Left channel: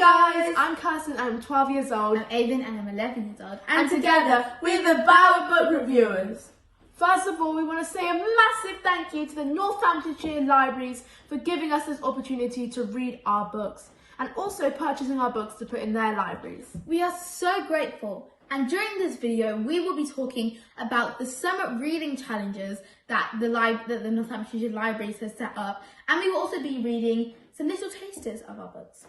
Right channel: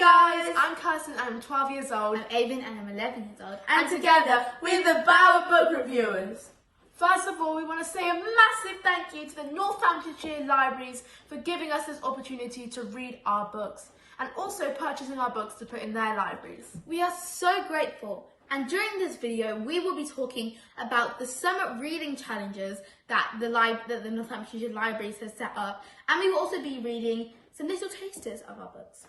guys, I'm Kirsten, I'm 12 years old. I'm Aiyven and I'm 11 years old. And together we're the Mbawa Book Reviewers. First of all, we want to say a massive thank you to the Northamptonshire libraries for giving us this opportunity to read our books and also purchasing our books to put in their libraries. We are so grateful. And during this video, we will be talking about the summer reading challenges that the Northamptonshire libraries has set up. And we will also be reading some little tasters of our books.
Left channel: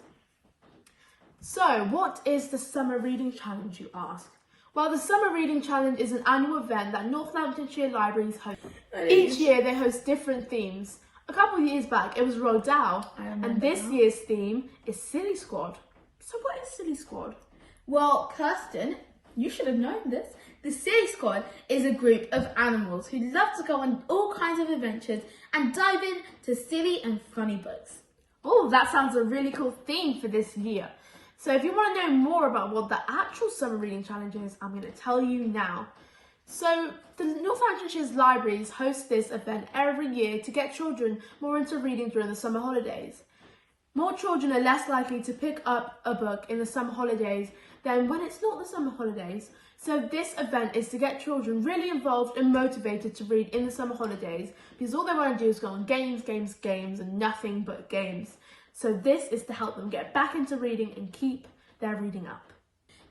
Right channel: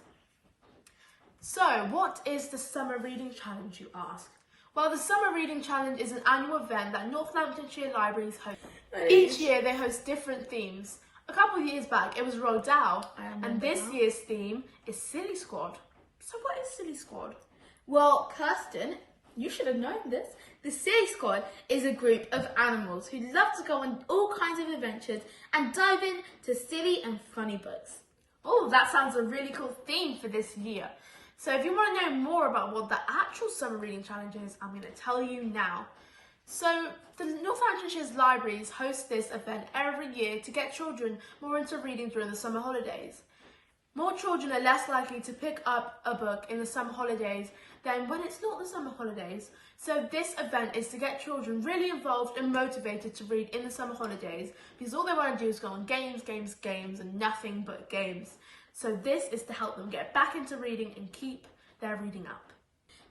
So, what is the Summer Reading Challenge, you ask? Well, the Summer Reading Challenge is an annual event that Northamptonshire libraries host. Each year they host different themes. A couple of years back it was Roald Dahl, and this year's theme is Silly Squad. So what is Silly Squad? Well, Kirsten, you should have known this. The Silly Squad is a group of animals who love to go on all kinds of adventures and dive into silly and funny books. Oh, that sounds a really cool theme for this year. So if you want to know more about what the actual Summer Reading Challenge is, I'm going to tell you now. So the Northamptonshire's libraries host this event every year to get children more into reading during the summer holidays. More children are less likely to pick up a book in the summer holidays than when it's not the summer holidays. So this event is to get children really involved and motivated to read in the summer holidays because all they want to do is go on games and nothing but games. So this is to help them get back into reading and keep their reading up.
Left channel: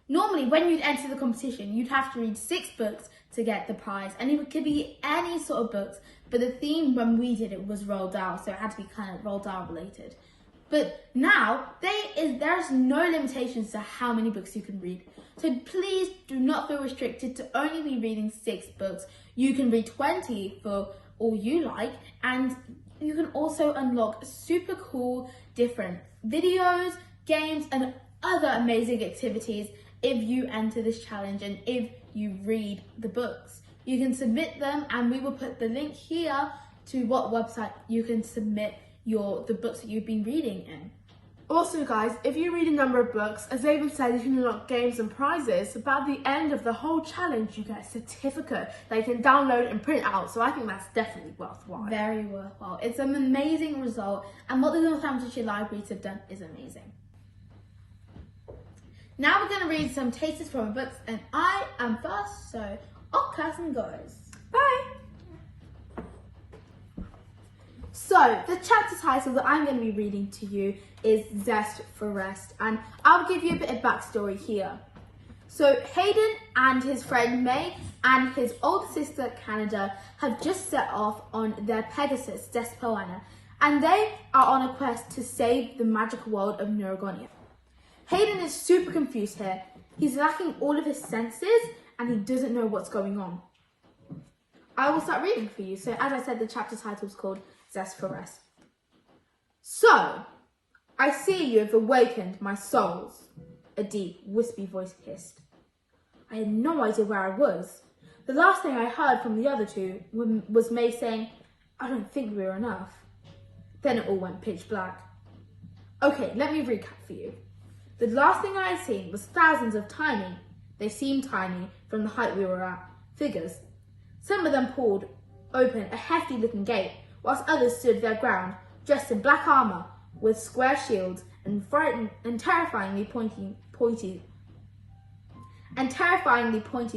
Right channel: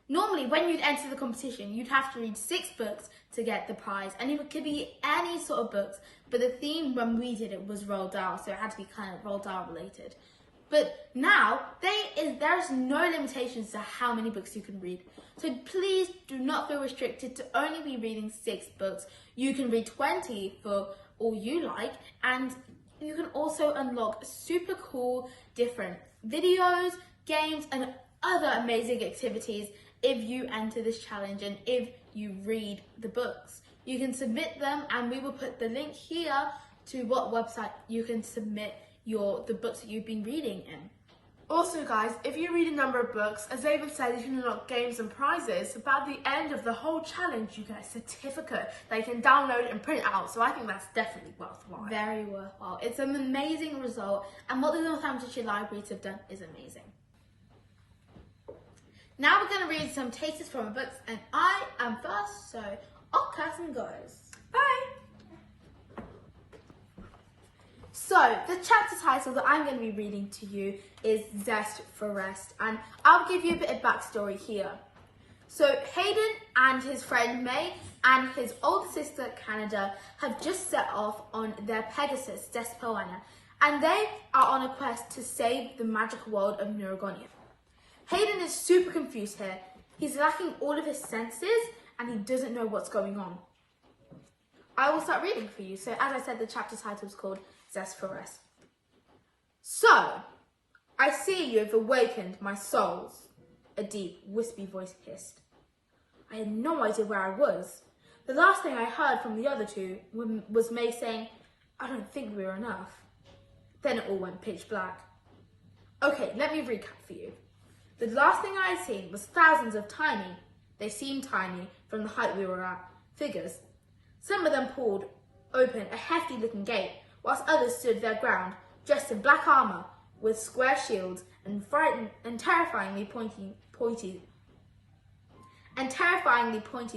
Normally, when you'd enter the competition, you'd have to read 6 books to get the prize, and it could be any sort of books, but the theme when we did it was Roald Dahl, so it had to be kind of Roald Dahl related. But now, there's no limitations to how many books you can read. So please do not feel restricted to only be reading 6 books. You can read 20 for all you like, and you can also unlock super cool different videos, games, and other amazing activities if you enter this challenge and if you read the books. You can submit them, and we will put the link here to what website you can submit the books that you've been reading in. Also guys, if you read a number of books, as Aiyven said, you can unlock games and prizes, but at the end of the whole challenge you get a certificate that you can download and print out, so I think that's definitely worthwhile. Very worthwhile. It's an amazing result, and what the Northamptonshire libraries have done is amazing. Now we're going to read some tasters from our books, and I am first, so off Kirsten goes. Bye! So, the chapter title that I'm going to be reading to you is Zest for Rest, and I'll give you a bit of backstory here. So, Hayden and his friend May and his older sister Canada have just set off on their Pegasus, Zest for Anya, and they are on a quest to save the magical world of Nurogons. Hayden is super confused here. He's lacking all of his senses and he doesn't know what's going on. I will start reading for you. So, as I said, the chapter title is called Zest for Rest. So, I see you have awakened my souls, a deep, wispy voice hissed. I had no idea where I was. The last thing I heard from the other two was May saying, I don't think we're enough. Then it all went pitch black. Okay, let me recap for you. The last thing I had seen was thousands of tiny, they seemed tiny from the height we were at, figures. Some of them pulled open a hefty looking gate, whilst others stood their ground, dressed in black armour, with square shields and terrifyingly pointy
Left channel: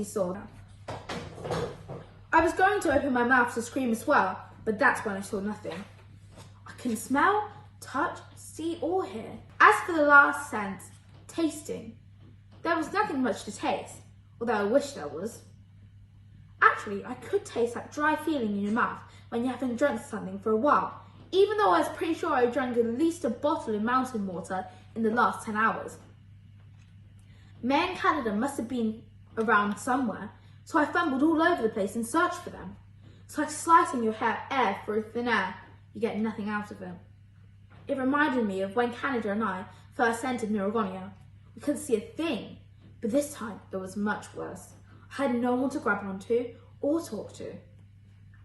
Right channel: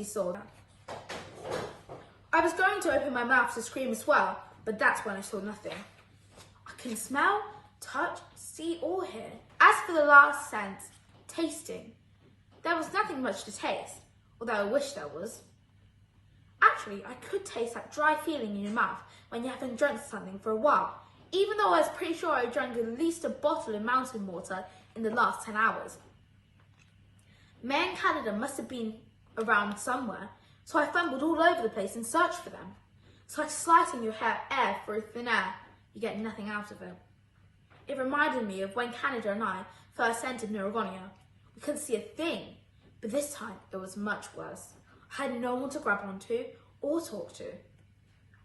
swords. I was going to open my mouth to scream as well, but that's when I saw nothing. I couldn't smell, touch, see or hear. As for the last sense, tasting, there was nothing much to taste, although I wish there was. Actually, I could taste that dry feeling in your mouth when you haven't drunk something for a while, even though I was pretty sure I drank at least a bottle of mountain water in the last 10 hours. May and Canada must have been around somewhere, so I fumbled all over the place and searched for them. It's like slicing your air through thin air, you get nothing out of it. It reminded me of when Canada and I first entered Nurogons. We couldn't see a thing, but this time it was much worse. I had no one to grab onto or talk to.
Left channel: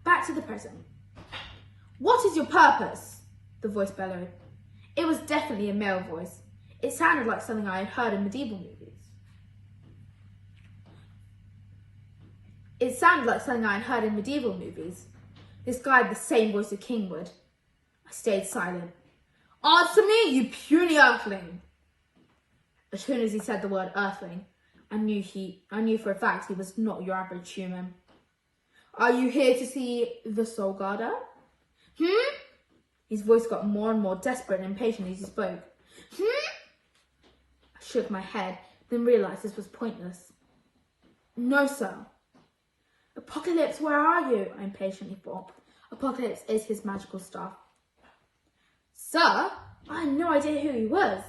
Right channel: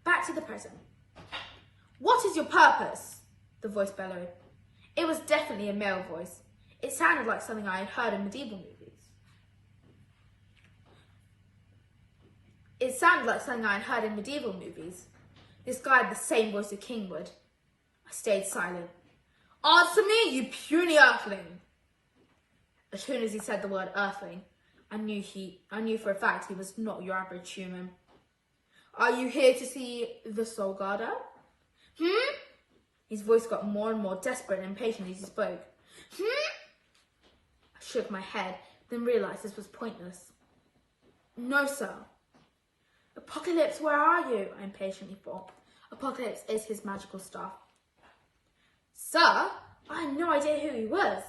Back to the present. What is your purpose? The voice bellowed. It was definitely a male voice. It sounded like something I had heard in medieval movies. This guy had the same voice a king would. I stayed silent. Answer me, you puny earthling! As soon as he said the word earthling, I knew for a fact he was not your average human. Are you here to see the Soul Guarder? His voice got more and more desperate and impatient as he spoke. I shook my head, then realised this was pointless. No, sir. Apocalypse, where are you? I impatiently thought. Apocalypse is his magical staff. Sir? I had no idea who he was.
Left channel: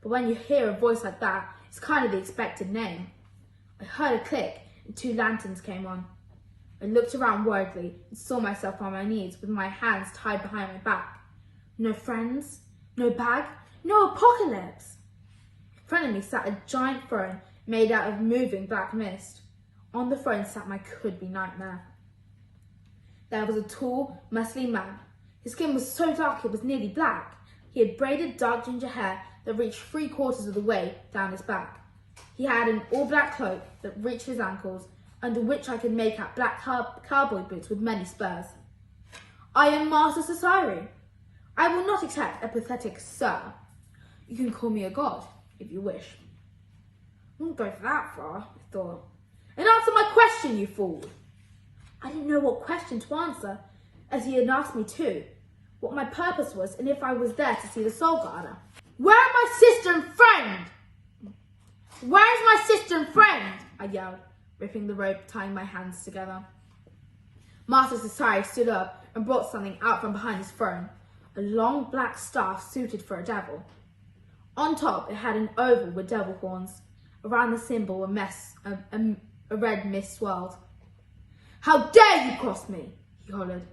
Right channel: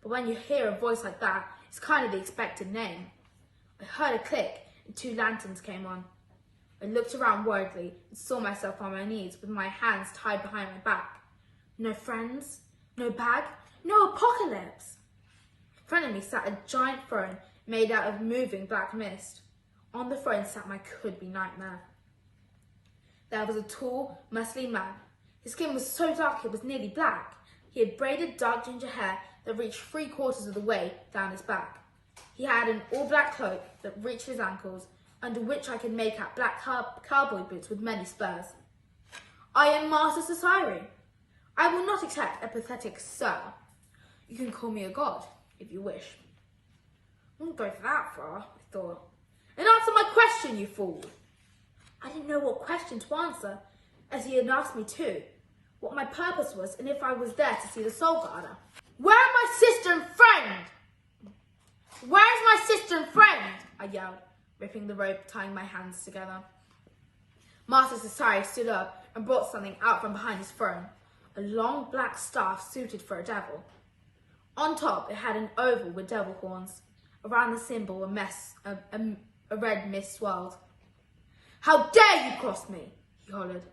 But when you hear a voice like that, it's kind of the expected name. I heard a click and 2 lanterns came on. I looked around worriedly and saw myself on my knees with my hands tied behind my back. No friends, no bag, no apocalypse. In front of me sat a giant throne made out of moving black mist. On the throne sat my could-be nightmare. There was a tall, muscly man. His skin was so dark it was nearly black. He had braided dark ginger hair that reached 3/4 of the way down his back. He had an all-black cloak that reached his ankles, under which I could make out black cowboy boots with many spurs. I am Master Society. I will not accept a pathetic sir. You can call me a god, if you wish. I won't go that far, I thought. And answer my question, you fool. I didn't know what question to answer, as he had asked me to, what my purpose was, and if I was there to see the Soul Guarder. Where are my sister and friend? Where's my sister and friend? I yelled, ripping the rope, tying my hands together. Master Society stood up and brought something out from behind his throne, a long black staff suited for a devil. On top, it had an oval with devil horns. Around the symbol, a red mist swirled. How dare you cross me? He hollered.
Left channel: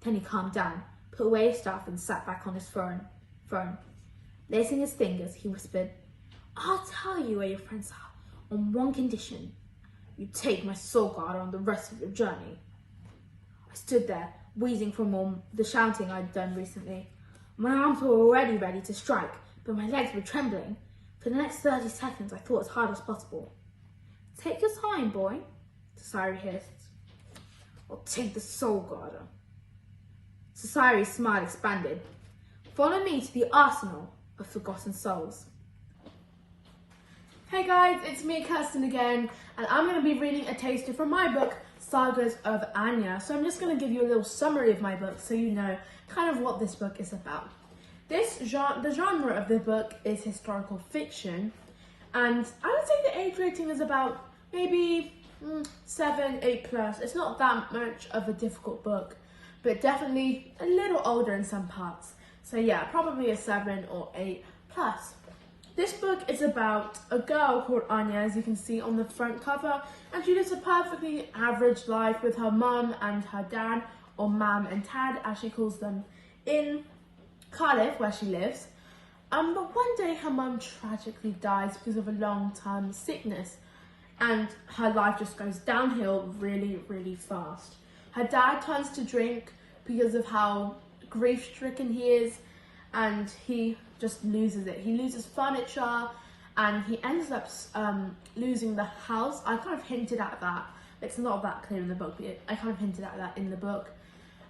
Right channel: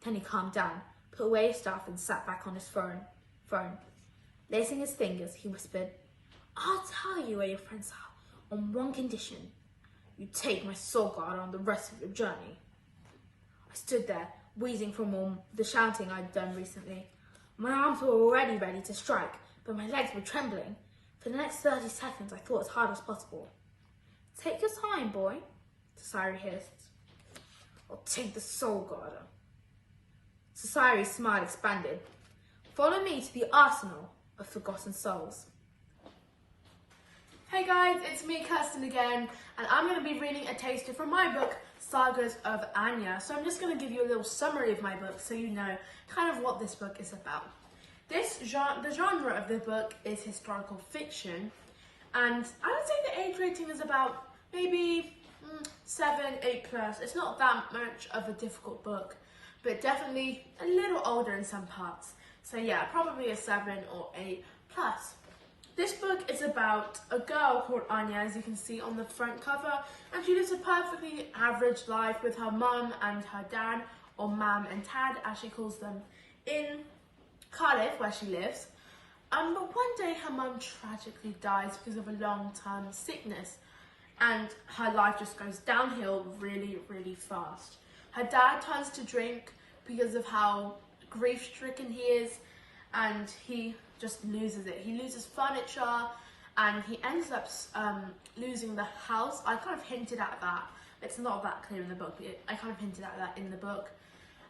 Then he calmed down, put away his staff and sat back on his throne. Lacing his fingers, he whispered, I'll tell you where your friends are, on one condition. You take my Soul Guard on the rest of your journey. I stood there, wheezing from all the shouting I'd done recently. My arms were already ready to strike, but my legs were trembling. For the next 30 seconds, I thought as hard as possible. Take your time, boy, Society hissed. I'll take the Soul Guarder. Society's smile expanded. Follow me to the arsenal of forgotten souls. Hey guys, it's me, Kirsten again, and I'm going to be reading a taster from my book, Sagas of Anya. So I'm just going to give you a little summary of my book so you know kind of what this book is about. The genre of the book is historical fiction, and I would say the age rating is about maybe 7, 8 plus. It's not that much of a difficult book, but definitely a little older in some parts. So yeah, probably a 7 or 8 plus. This book is about a girl called Anya, as you can see on the front cover, and she lives a perfectly average life with her mum and her dad, or mam and tad as she calls them, in Cardiff, where she lives. But one day her mum tragically dies because of a long-term sickness, and her life just goes downhill really, really fast. Her dad turns to drink because of how grief-stricken he is, and he just loses it. He loses furniture, and he ends up losing the house. I kind of hinted at that. It's not that clear in the book, but I kind of hinted at that in the book.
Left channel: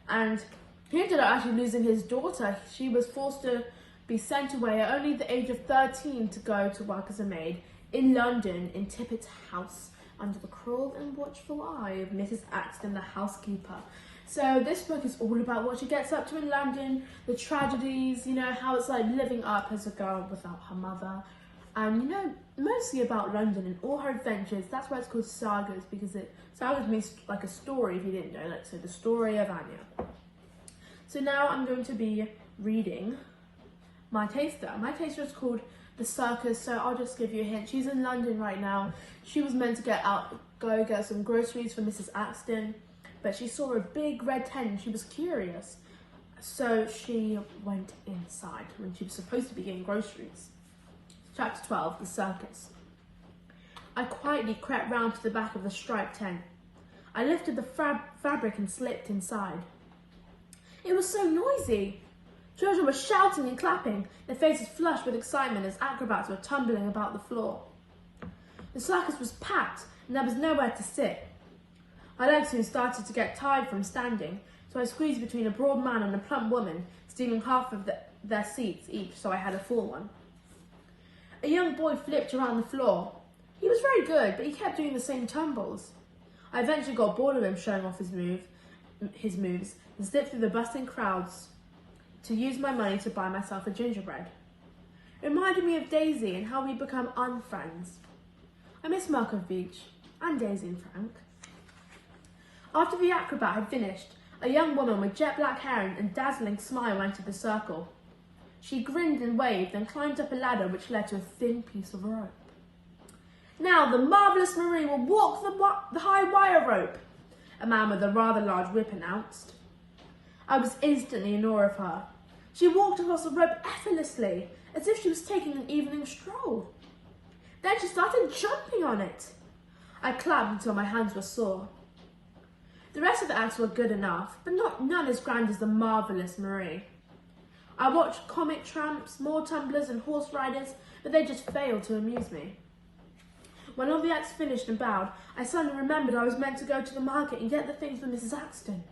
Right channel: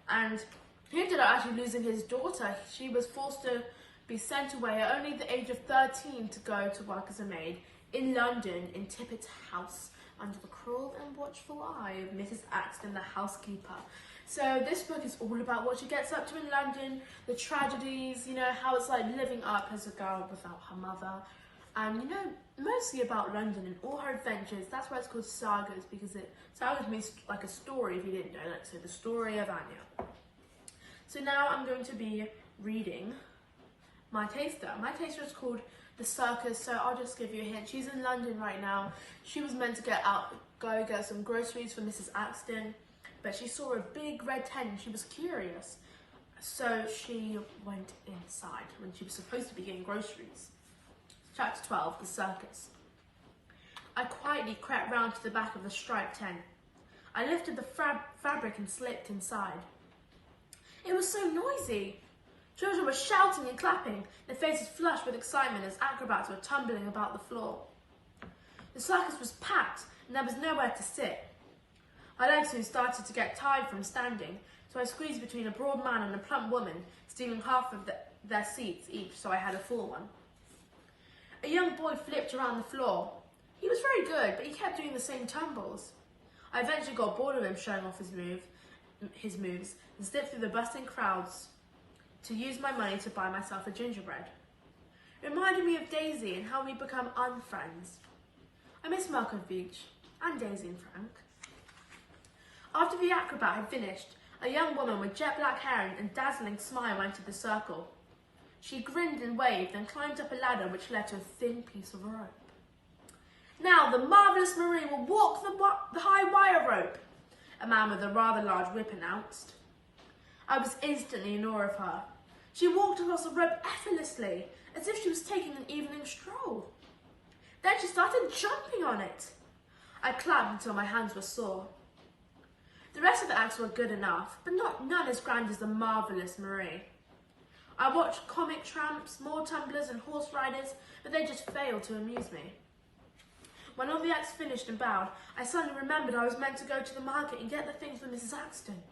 And he ended up actually losing his daughter. She was forced to be sent away at only the age of 13 to go to work as a maid in London, in Tippett's house, under the cruel and watchful eye of Mrs. Axton, the housekeeper. So this book is all about what she gets up to in London, the tragedies, you know, how it's like living up as a girl without her mother. And, you know, mostly about London and all her adventures. That's why it's called Sagas, because Sagas means like a story, if you didn't know, like so the story of Anya. So now I'm going to be reading my taster. My taster is called The Circus, so I'll just give you a hint. She's in London right now. She was meant to go get some groceries for Mrs. Axton, but she saw a big red tent and she was curious. So she went inside when she was supposed to be getting groceries. Chapter 12, The Circus. I quietly crept round to the back of the striped tent. I lifted the fabric and slipped inside. It was so noisy. Children were shouting and clapping, their faces flushed with excitement as acrobats were tumbling about the floor. The circus was packed and there was nowhere to sit. My legs soon started to get tired from standing, so I squeezed between a broad man and a plump woman, stealing half of their seats each so I had a full one. A young boy flipped around the floor. He was very good, but he kept doing the same tumbles. I eventually got bored of him showing off his moves and slipped through the bustling crowds to use my money to buy myself a gingerbread. It reminded me of Daisy and how we become unfriends. I miss Markovich and Daisy and Frank. After the acrobat had finished, a young woman with jet black hair and dazzling smile entered the circle. She grinned and waved and climbed up a ladder which led to a thin piece of rope. Now the marvellous Marie will walk the high wire rope, a man with a rather large whip announced. I was instantly in awe of her. She walked across the rope effortlessly, as if she was taking an evening stroll. Then she started jumping on it. I clapped until my hands were sore. The rest of the acts were good enough, but none as grand as the marvellous Marie. I watched comic tramps, more tumblers and horse riders, but they just failed to amuse me. When all the acts finished and bowed, I suddenly remembered I was meant to go to the market and get the things for Mrs. Axton.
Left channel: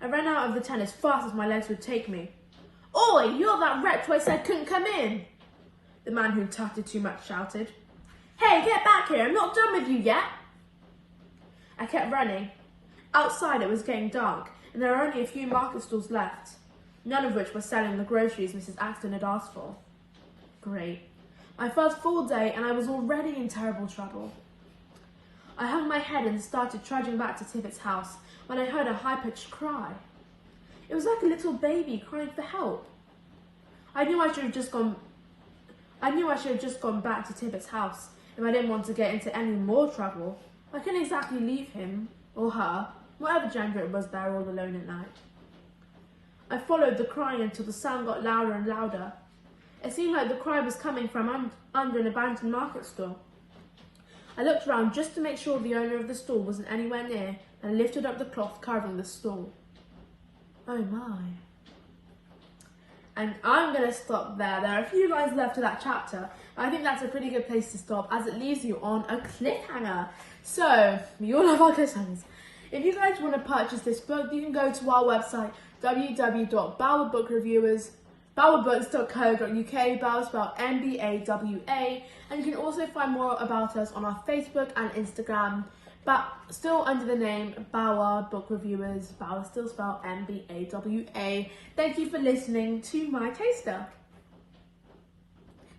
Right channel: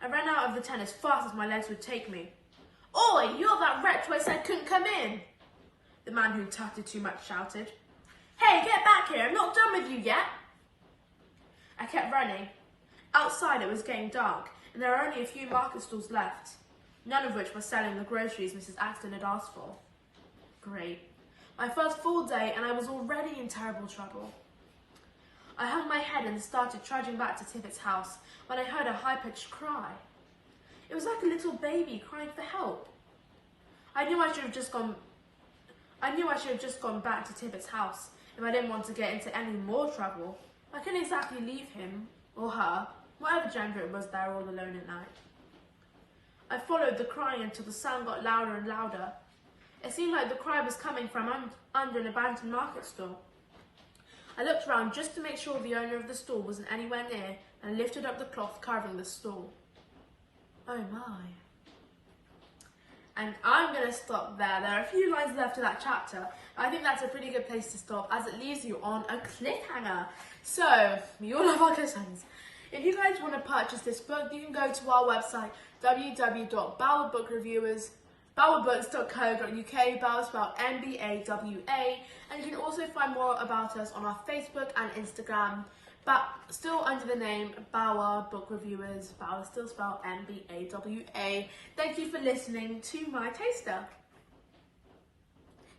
I ran out of the tent as fast as my legs would take me. "Oi, you're that wretch who I said couldn't come in!" the man who chatted too much shouted. "Hey, get back here, I'm not done with you yet!" I kept running. Outside it was getting dark, and there were only a few market stalls left, none of which were selling the groceries Mrs. Axton had asked for. Great. My first full day, and I was already in terrible trouble. I hung my head and started trudging back to Tivit's house when I heard a high-pitched cry. It was like a little baby crying for help. I knew I should have just gone back to Tivit's house if I didn't want to get into any more trouble. I couldn't exactly leave him, or her, whatever gender it was, there all alone at night. I followed the crying until the sound got louder and louder. It seemed like the cry was coming from under an abandoned market stall. I looked around just to make sure the owner of the stall wasn't anywhere near and lifted up the cloth covering the stall. Oh my. And I'm going to stop there. There are a few lines left to that chapter. I think that's a pretty good place to stop as it leaves you on a cliffhanger. So, we all love our cliffhangers. If you guys want to purchase this book, you can go to our website, www.mbawabooks.co.uk, Mbawa spelled Mbawa, and you can also find more about us on our Facebook and Instagram, but still under the name Mbawa Book Reviewers. Mbawa still spelled Mbawa. Thank you for listening to my taster.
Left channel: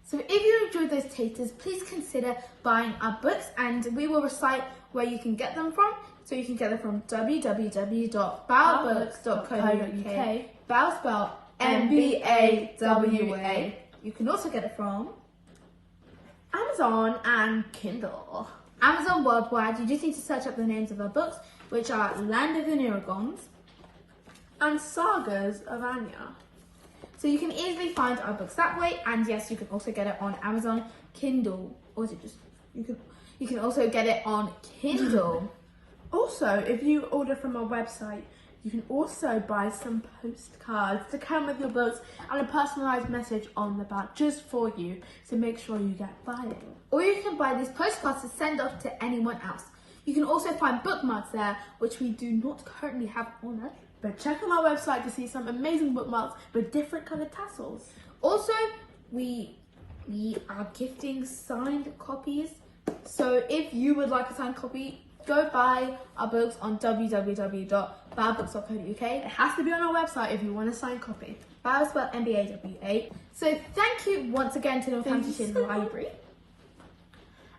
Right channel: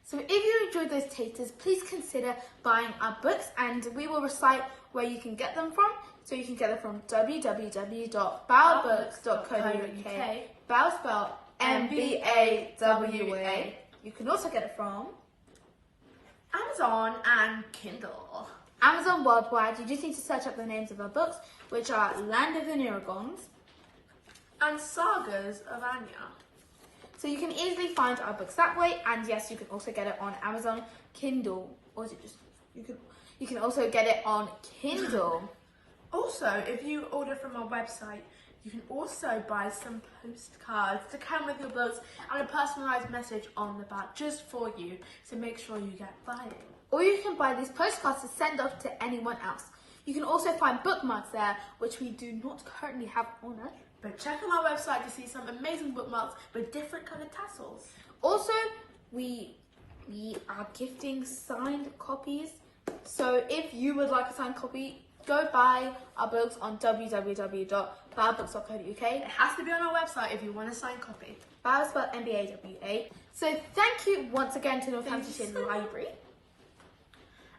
So if you enjoyed those tasters, please consider buying our books, and we will recite where you can get them from. So you can get them from www.mbawabooks.co.uk, Mbawa spelled Mbawa. You can also get it from Amazon and Kindle. Amazon worldwide. You just need to search up the names of our books, which are Land of the Nurogons and Sagas of Anya. So you can easily find our books that way, and yes, you can also get it on Amazon Kindle, or is it just you can also get it on Kindle. Also, if you order from our website, you can also buy some postcards to come with your books and a personalised message on the back just for you, so make sure you get buying. Or you can buy these postcards to send off to anyone else. You can also find bookmarks there, which we do not currently have on us. But check on our website to see some amazing bookmarks with different coloured tassels. Also, we are gifting signed copies. So if you would like a signed copy, go buy our books on www.mbawabooks.co.uk. It has to be on our website if you want a signed copy. Mbawa spelled Mbawa. So thank you once again to Northamptonshire Library.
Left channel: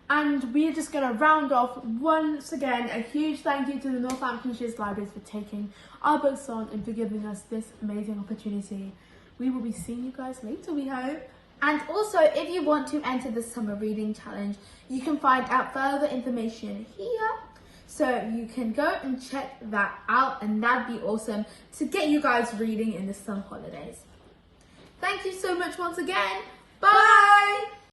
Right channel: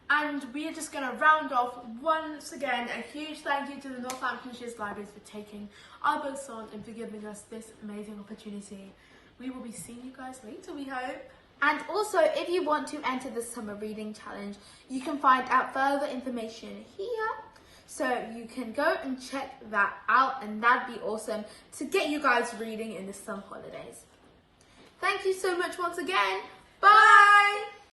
And we're just going to round off once again a huge thank you to the Northamptonshire Libraries for taking our books on and for giving us this amazing opportunity. We will be seeing you guys later, we hope. And also, if you want to enter the summer reading challenge, you can find out further information here. So you can go and check that out, and that'd be awesome to get you guys reading in the summer holidays. Thank you so much once again. Bye!